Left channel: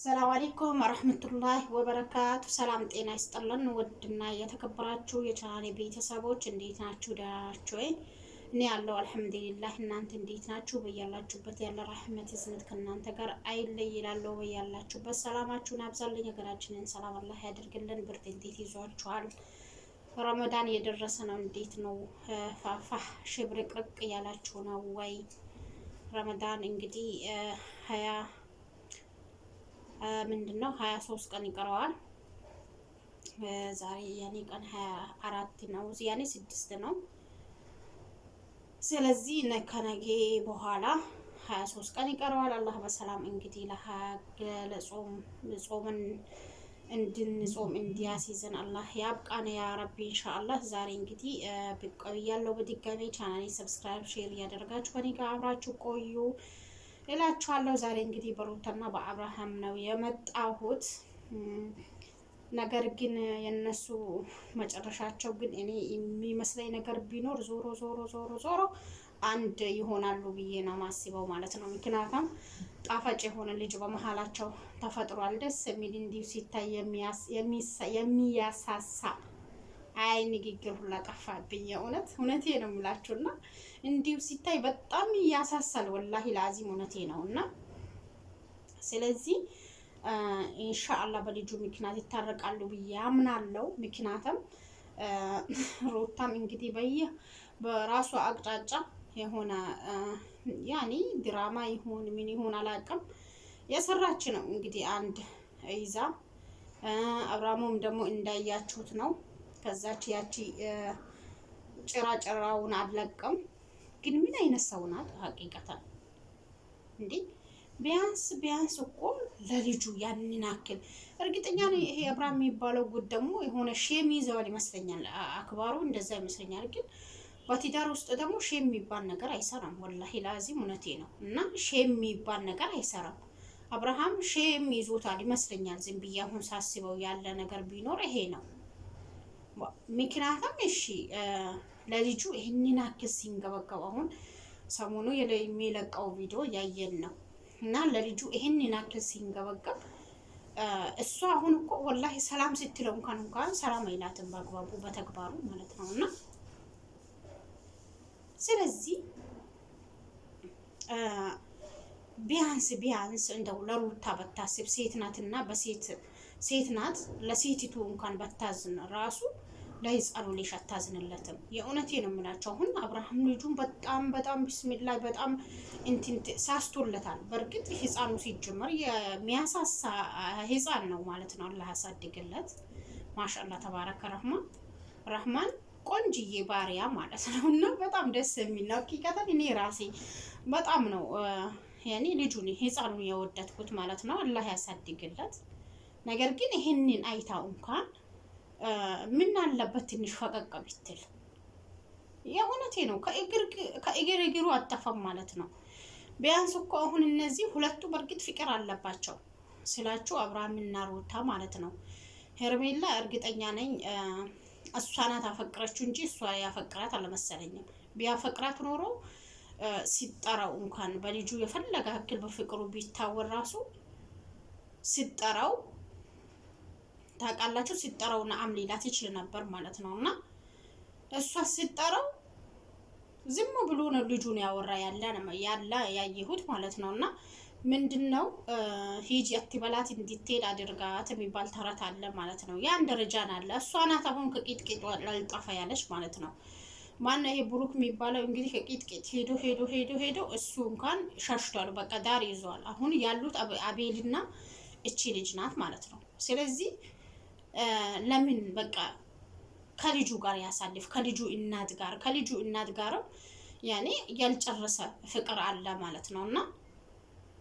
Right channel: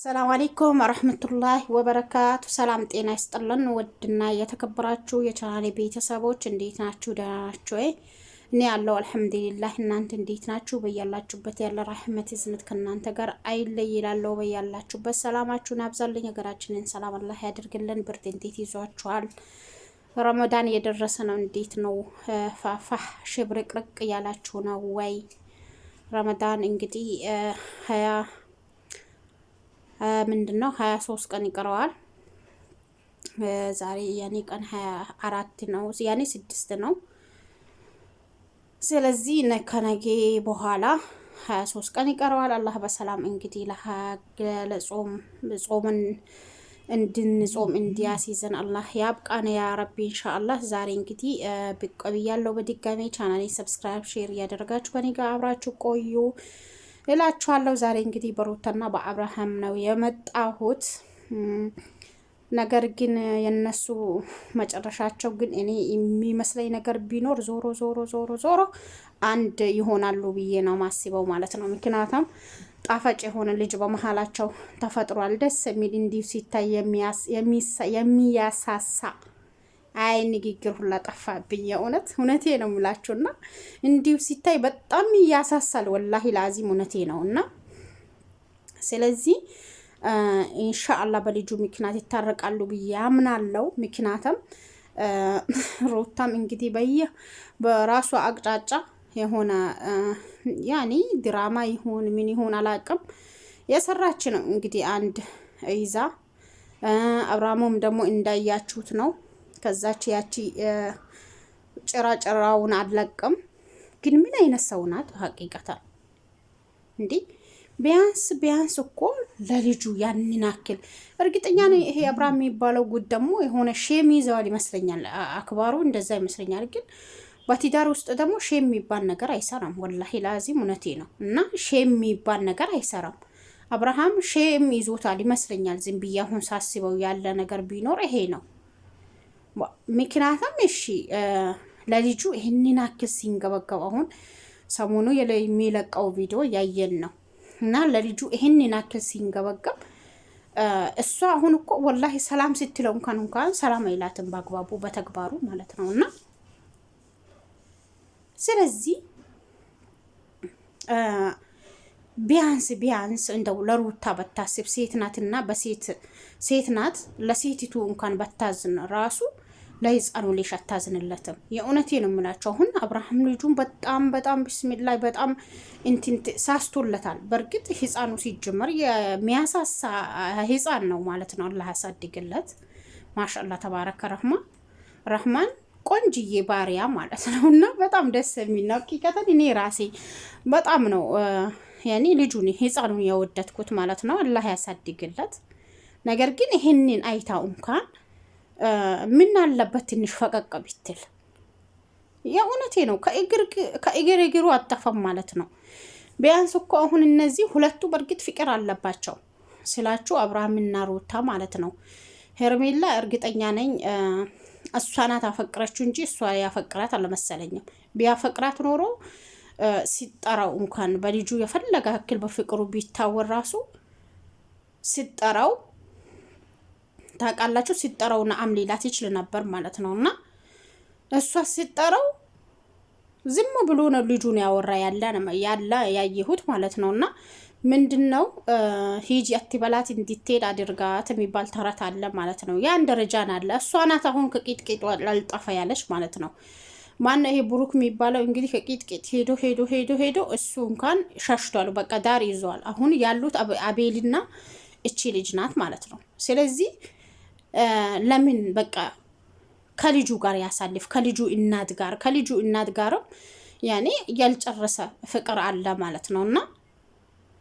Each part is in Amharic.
ሰላም አለይኩም ወራህመቱላሂ ወበረካቱ። ሰላም ጤና ይስጥልን። ውድና የተከበራችሁ የቻናሌ ቤተሰቦች እንዴት ናችሁ? ደህና ናችሁ ወይ? እኔ ያለው አልሐምዱሊላህ። እናንተ እንዴት ናችሁ? በያላችሁበት ያለ ረህመት ዝነት ከእናንተ ጋር አይለይ ይላለው። በያላችሁበት ሰላማችሁን አብዛልኝ። ሀገራችንን ሰላም አላህ ያድርግልን። ብርድ እንዴት ይዟችኋል? ረመዳን እየደረሰ ነው። እንዴት ነው? ፋፋህ ሽብርቅርቅ እያላችሁ ነው ወይ? ረመዳን እንግዲህ ምንድነው 23 ቀን ይቀረዋል። ዛሬ ያኔ ቀን 24 ነው፣ ያኔ 6 ነው። ስለዚህ ከነገ በኋላ 23 ቀን ይቀረዋል። አላህ በሰላም እንግዲህ ጾምን እንድንጾም እንዲያስይዘን አላህ ያብቃን ያ ረቢ ኢንሻአላህ። ዛሬ እንግዲህ ብቅ ብያለሁ በድጋሜ። ቻናሌን ሰብስክራይብ፣ ሼር እያደረጋችሁ ከኔ ጋር አብራችሁ ቆዩ እላችኋለሁ። ዛሬ እንግዲህ በሩታና በአብርሃም ነው የመጣሁት። ነገር ግን የነሱ መጨረሻቸው ግን እኔ የሚመስለኝ ነገር ቢኖር ዞሮ አንድ ይሆናሉ ብዬ ነው ማስበው ማለት ነው። ምክንያቱም ጣፋጭ የሆነ ልጅ በመሀላቸው ተፈጥሯል። ደስ የሚል እንዲሁ ሲታይ የሚያሳሳ አይ ንግግር ሁላ ጠፋብኝ። እውነቴ ነው የምላችሁና እንዲሁ ሲታይ በጣም ያሳሳል። ወላሂ ላዚም እውነቴ ነውና ስለዚህ ኢንሻአላህ በልጁ ምክንያት ይታረቃሉ ብዬ አምናለሁ። ምክንያቱም ሩታም እንግዲህ በራሷ አቅጣጫ የሆነ ያኒ ድራማ ይሁን ምን ይሁን አላቅም የሰራች ነው እንግዲህ አንድ ይዛ። አብርሃሙም ደግሞ እንዳያችሁት ነው ከዛች ያቺ ጭራጭራውን አለቅም። ግን ምን አይነት ሰው ናት ሀቂቀታል እንዴ? ቢያንስ እኮ ለልጁ ያንን አክል እርግጠኛ ነኝ። ይሄ አብርሃም የሚባለው ጉድ ደግሞ የሆነ ሼም ይዘዋል ይመስለኛል። አክባሩ እንደዛ ይመስለኛል። ግን በትዳር ውስጥ ደግሞ ሼም የሚባል ነገር አይሰራም። ወላሂ ላዚም እውነቴ ነው። እና ሼም የሚባል ነገር አይሰራም። አብርሃም ሼም ይዞታል ይመስለኛል። ዝም ብዬ አሁን ሳስበው ያለ ነገር ቢኖር ይሄ ነው። ምክንያቱም እሺ ለልጁ ይሄንን አክል ሲንገበገብ አሁን ሰሞኑ የሚለቀው ቪዲዮ ያየን ነው። እና ለልጁ ይሄንን አክል ሲንገበገብ እሷ አሁን እኮ ወላሂ ሰላም ስትለው እንኳን ሰላም አይላትም በአግባቡ በተግባሩ ማለት ነው። እና ስለዚህ ቢያንስ እንደው ለሩታ በታስብ ሴት ናትና ሴት ናት። ለሴቲቱ እንኳን በታዝን ራሱ ለህፃኑ ልጅ አታዝንለትም። የእውነቴ ነው የምላቸው። አሁን አብርሃም ልጁን በጣም ቢስሚላህ በጣም እንትን ሳስቶለታል። በእርግጥ ህፃኑ ሲጀመር የሚያሳሳ ህፃን ነው ማለት ነው። አላህ ያሳድግለት። ማሻአላህ ተባረከ ረህማን ቆንጅዬ ባሪያ ማለት ነው። እና በጣም ደስ የሚል ነው። ሀቂቀተን እኔ ራሴ በጣም ነው ያኔ ልጁን ህፃኑን የወደድኩት ማለት ነው። አላህ ያሳድግለት። ነገር ግን ይሄንን አይታው እንኳን ምን አለበት ትንሽ ፈቀቅ ቢትል። የእውነቴ ነው። ከእግር እግሩ አጠፋም ማለት ነው። ቢያንስ እኮ አሁን እነዚህ ሁለቱ በእርግጥ ፍቅር አለባቸው ስላችሁ አብርሃምና ሩታ ማለት ነው። ሄርሜላ እርግጠኛ ነኝ እሷ ናት አፈቅረችው እንጂ እሷ ያፈቅራት አልመሰለኝም። ቢያፈቅራት ኖሮ ሲጠራው እንኳን በልጁ የፈለገ ያክል በፍቅሩ ቢታወር ራሱ ሲጠራው ታውቃላችሁ፣ ሲጠራው ነዓም ሊላት ይችል ነበር ማለት ነው። እና እሷ ሲጠራው ዝም ብሎ ነው ልጁን ያወራ ያለ ያየሁት ማለት ነው። እና ምንድነው ሂጂ አትበላት እንድትሄድ አድርጋት የሚባል ተረት አለ ማለት ነው። ያን ደረጃ ናለ። እሷ ናት አሁን ከቂጥቂጥ ላልጠፋ ያለች ማለት ነው። ማን ይሄ ብሩክ የሚባለው እንግዲህ ከቂጥቂጥ ሄዶ እሱ እንኳን ሸሽቷል። በቃ ዳር ይዟል። አሁን ያሉት አቤልና እቺ ልጅ ናት ማለት ነው። ስለዚህ ለምን በቃ ከልጁ ጋር ያሳልፍ፣ ከልጁ እናት ጋርም ያኔ ያልጨረሰ ፍቅር አለ ማለት ነው። እና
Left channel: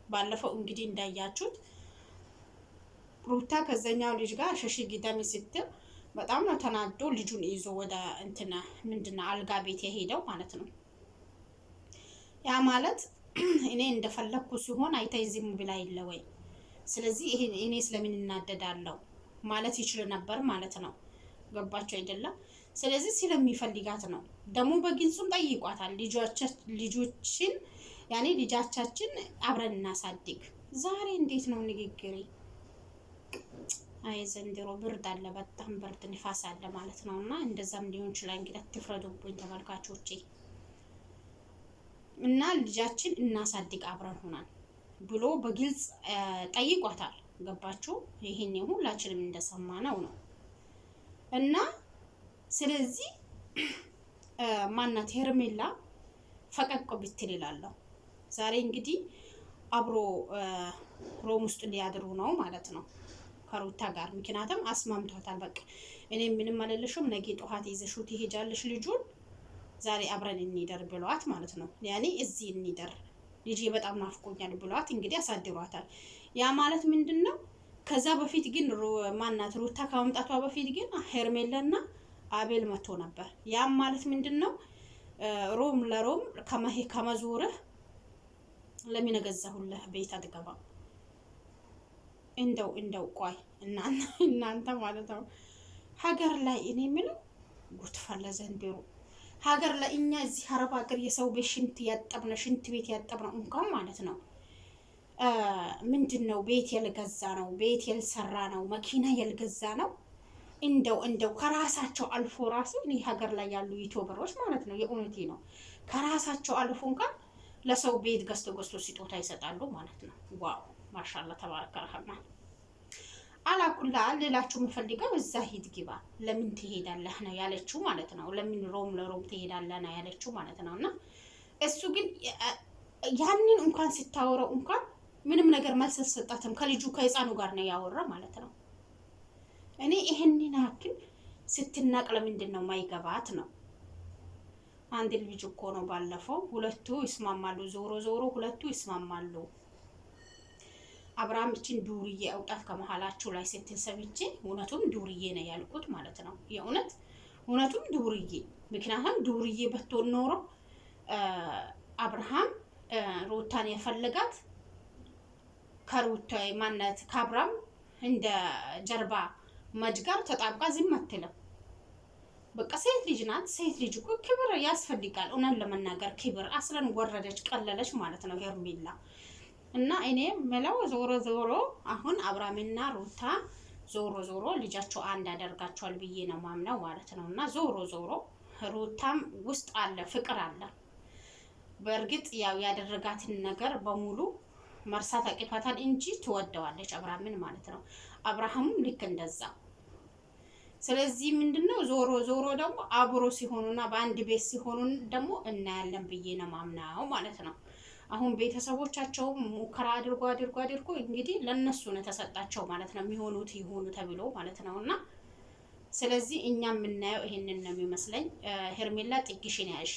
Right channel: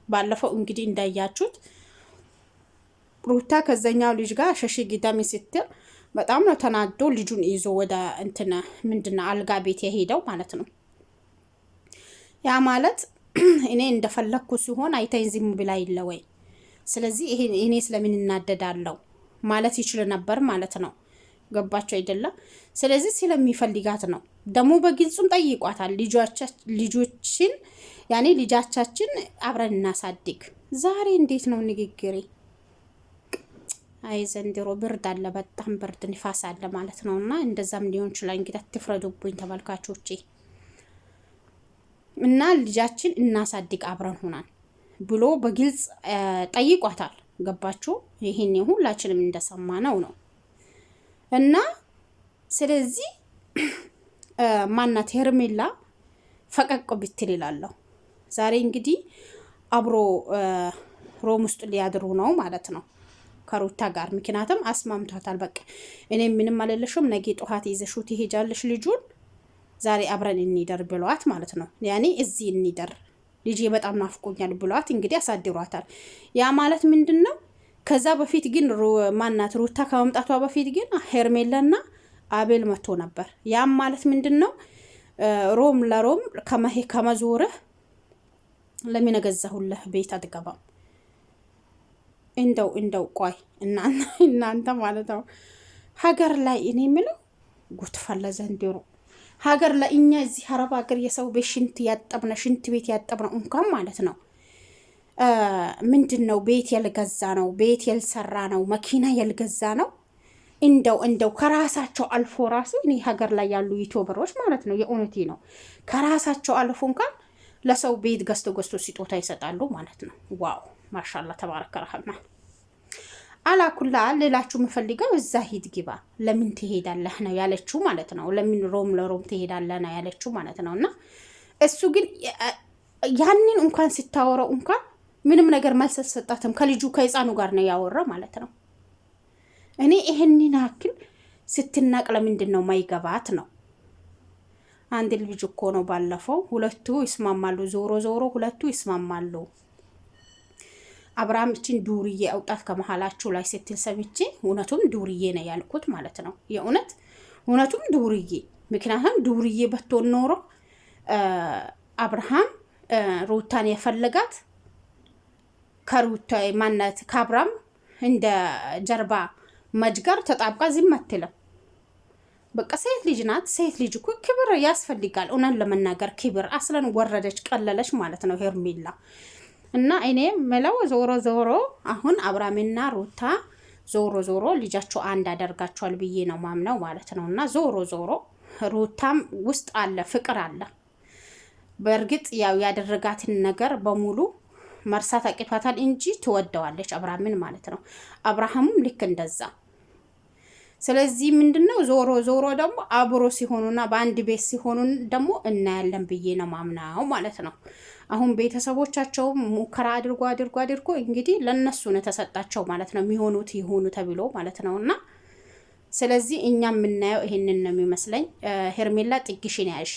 ባለፈው እንግዲህ እንዳያችሁት ሩታ ከዛኛው ልጅ ጋር ሸሽ ግዳሚ ስትል በጣም ነው ተናዶ ልጁን ይዞ ወደ እንትና ምንድነው አልጋ ቤት የሄደው ማለት ነው። ያ ማለት እኔ እንደፈለኩ ሲሆን አይተኝ ዝም ብላ ይለ ወይ። ስለዚህ እኔ ስለምን እናደዳለሁ ማለት ይችል ነበር ማለት ነው። ገባችሁ አይደለም? ስለዚህ ስለሚፈልጋት ነው። ደግሞ በግልጹም ጠይቋታል። ልጆችን ያኔ ልጃቻችን አብረን እናሳድግ። ዛሬ እንዴት ነው ንግግሬ? አይ ዘንድሮ ብርድ አለ፣ በጣም ብርድ ንፋስ አለ ማለት ነው። እና እንደዛም ሊሆን ይችላል እንግዲህ አትፍረዱብኝ ተመልካቾቼ። እና ልጃችን እናሳድግ አብረን ሆናል ብሎ በግልጽ ጠይቋታል። ገባችሁ? ይሄን ሁላችንም እንደሰማነው ነው። እና ስለዚህ ማናት ሄርሜላ ፈቀቅ ብትል ይላለሁ። ዛሬ እንግዲህ አብሮ ሮም ውስጥ ሊያድሩ ነው ማለት ነው ከሩታ ጋር። ምክንያቱም አስማምቷታል። በቃ እኔ ምንም አልልሽም፣ ነገ ጠዋት ይዘሽው ትሄጃለሽ ልጁን፣ ዛሬ አብረን እንሂደር ብሏት ማለት ነው። ያኔ እዚህ እንሂደር ልጄ በጣም ናፍቆኛል ብሏት እንግዲህ አሳድሯታል። ያ ማለት ምንድን ነው? ከዛ በፊት ግን ማናት ሩታ ከመምጣቷ በፊት ግን ሄርሜላና አቤል መጥቶ ነበር። ያም ማለት ምንድን ነው? ሮም ለሮም ከመዞርህ ለምን ገዛሁልህ ቤት አትገባም? እንደው ቆይ እናንተ ማለት ነው ሀገር ላይ እኔ የምለው ጉትፈለ ዘንድሮ ሀገር ላይ እኛ እዚህ አረብ ሀገር የሰው ቤት ሽንት ቤት ያጠብነው እንኳን ማለት ነው ምንድን ነው ቤት ያልገዛ ነው፣ ቤት ያልሰራ ነው፣ መኪና ያልገዛ ነው። እንደው ከራሳቸው አልፎ ራሱ እኔ ሀገር ላይ ያሉ ዩቲዩበሮች ማለት ነው የእውነቴ ነው ከራሳቸው አልፎ እንኳን ለሰው ቤት ገዝቶ ስጦታ ይሰጣሉ ማለት ነው። ዋው ማሻአላ ተባረከ ረህማን። አላኩላ ሌላችሁ የምፈልገው እዛ ሂድ ግባ ለምን ትሄዳለህ ነው ያለችው ማለት ነው። ለምን ሮም ለሮም ትሄዳለህ ነው ያለችው ማለት ነው። እና እሱ ግን ያንን እንኳን ሲታወራው እንኳን ምንም ነገር መልስ ሰጣትም። ከልጁ ከህፃኑ ጋር ነው ያወራው ማለት ነው። እኔ ይሄንን አክል ስትናቅ ለምንድን ነው ማይገባት ነው? አንድ ልጅ እኮ ነው ባለፈው ሁለቱ ይስማማሉ፣ ዞሮ ሁለቱ ይስማማሉ። አብርሃም እቺን ዱርዬ አውጣት ከመሃላችሁ ላይ ስትል ሰምቼ እውነቱም ዱርዬ ነው ያልኩት ማለት ነው። እውነቱም ዱርዬ። ምክንያቱም ዱርዬ በትሆን ኖሮ አብርሃም ሩታን የፈለጋት ከሩታ ማናት ከአብርሃም እንደ ጀርባ መጅጋር ተጣብቃ ዝም አትልም። በቃ ሴት ልጅ ናት። ሴት ልጅ እኮ ክብር ያስፈልጋል። እውነት ለመናገር ክብር አስለን ወረደች ቀለለች ማለት ነው ሄርሜላ። እና እኔ መለው ዞሮ አሁን አብርሃምና ሩታ ዞሮ ልጃቸው አንድ አደርጋቸዋል ብዬ ነው ማምነው ማለት ነው። እና ዞሮ ሩታም ውስጥ አለ ፍቅር አለ። በእርግጥ ያው ያደረጋትን ነገር በሙሉ መርሳት አቅቷታል እንጂ ትወደዋለች አብርሃምን ማለት ነው። አብርሃምም ልክ እንደዛ። ስለዚህ ምንድነው ዞሮ ደግሞ አብሮ ሲሆኑና በአንድ ቤት ሲሆኑ ደግሞ እናያለን ብዬ ነው ማምናው ማለት ነው። አሁን ቤተሰቦቻቸው ሙከራ አድርጎ እንግዲህ ለነሱ ነው ተሰጣቸው ማለት ነው። የሚሆኑት ይሆኑ ተብሎ ማለት ነውና ስለዚህ እኛ የምናየው ይሄንን ነው የሚመስለኝ። ሄርሜላ ጥግሽን ያሽ